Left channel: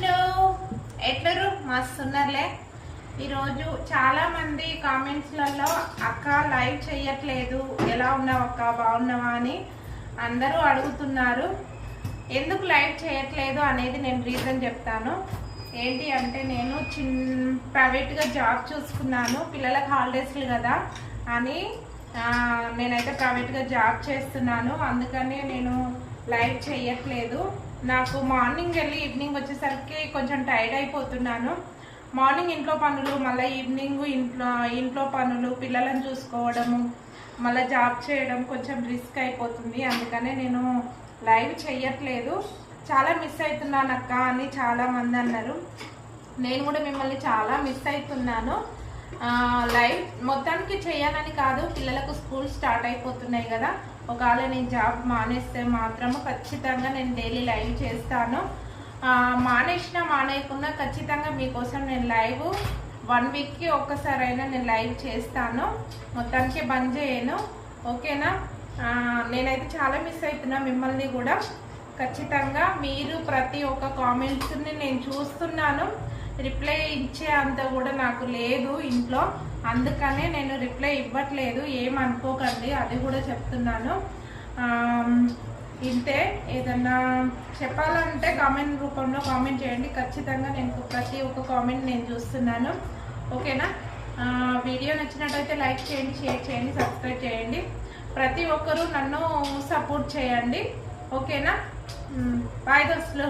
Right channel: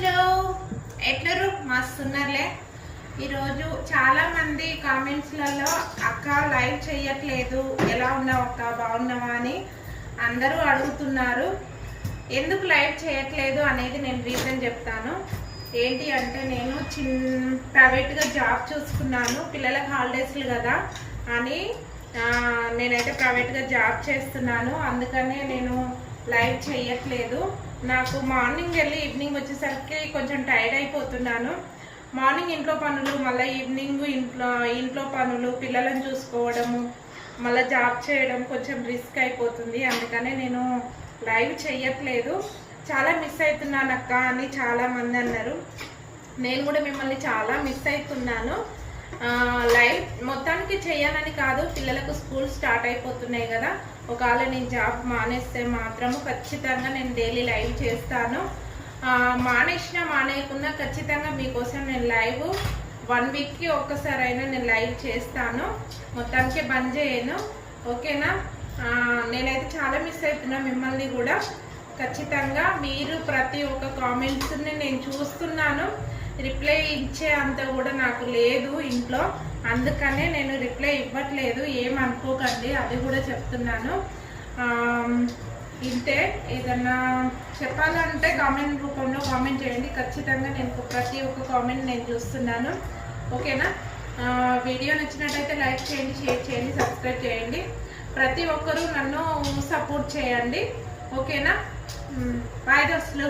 దోస్తులు ఎట్లరు మస్తున్నారులే. ఈరోజు చాలా మంది కామెంట్స్లలో అక్క లైవ్ చేయట్లేదు, ఎలా ఉన్నావు అక్క, బాగున్నావా అని అందరూ అడుగుతున్నారు. ఎందుకు లైవ్ చేయట్లేదు అనేది నేను రీజన్ చెప్తాను. ఏంటి అంటే నేను ప్రైవేట్గా జాబ్ చూసుకున్నాను, పిల్లలకు హాలిడేస్లు కదా అని నేనైతే ప్రైవేట్గా జాబ్ చేస్తున్నాను. అందుకనే నేను లైవ్ చేయట్లేదు. నాకు మార్నింగ్ వెళ్ళి ఈవినింగ్ వచ్చేసరికి కొంచెం టైర్డ్ అయిపోతున్నాను. మార్నింగ్ ఇంట్లో పనులు, మళ్ళీ ఈవినింగ్ ఇంట్లో పనులు, పిల్లలను చూసుకోవడము, మళ్ళీ జాబ్ చేయడం కొంచెం రిస్క్ అయిపోతుంది. అందుకనే నేను లైవ్ చేయట్లేదు. చాలా మిస్ అవుతున్నాను అక్క అని చాలామంది అన్నారు. నేను కూడా మిమ్మల్ని చాలా మిస్ అవుతున్నాను. లైవ్ మొత్తానికి చేయాలని కాదు, పిల్లలకు స్కూల్ స్టార్ట్ అయిపోతున్నాయి కదా. ఒకవేళ నేను జాబ్ మానేస్తే మాత్రము ఖచ్చితంగా నేను డైలీ లైవ్ చేస్తాను. మానేయకున్నా ఖచ్చితంగా మీకోసం నేను లైవ్ 1 వీక్కి ఒక్కసారైనా నేను లైవ్ చేస్తాను. మొత్తానికి బంద్ చేయను, ఓకేనా. నేనైతే చాలా మిస్ అవుతున్నా మిమ్మల్ని కూడా. ఖచ్చితంగా మీరు ప్రతి ఒక్క కామెంట్స్ని నేను చూస్తున్నాను. రిప్లై ఇచ్చే అంత కూడా నాకు లేదు ఇంట్లో, అందుకనే నేను రిప్లై ఇవ్వట్లేదు. ఏమనుకోకండి, అది కూడా చెప్తున్నాను. ఇంతే, ఏదన్నా చెప్పాలంటే కామెంట్ రూపంలో కామెంట్ చేయండి. ఖచ్చితంగా నేను ప్రతి ఒక్క కామెంట్ నేను చూస్తున్నాను, ఓకేనా. వీడియో నచ్చినట్టయితే లైక్ చేయండి, షేర్ చేయండి, సబ్స్క్రైబ్ చేయండి. ప్రతి ఒక్కరూ నన్ను సపోర్ట్ చేయండి, ఓకేనా. బాయ్ దోస్తులు.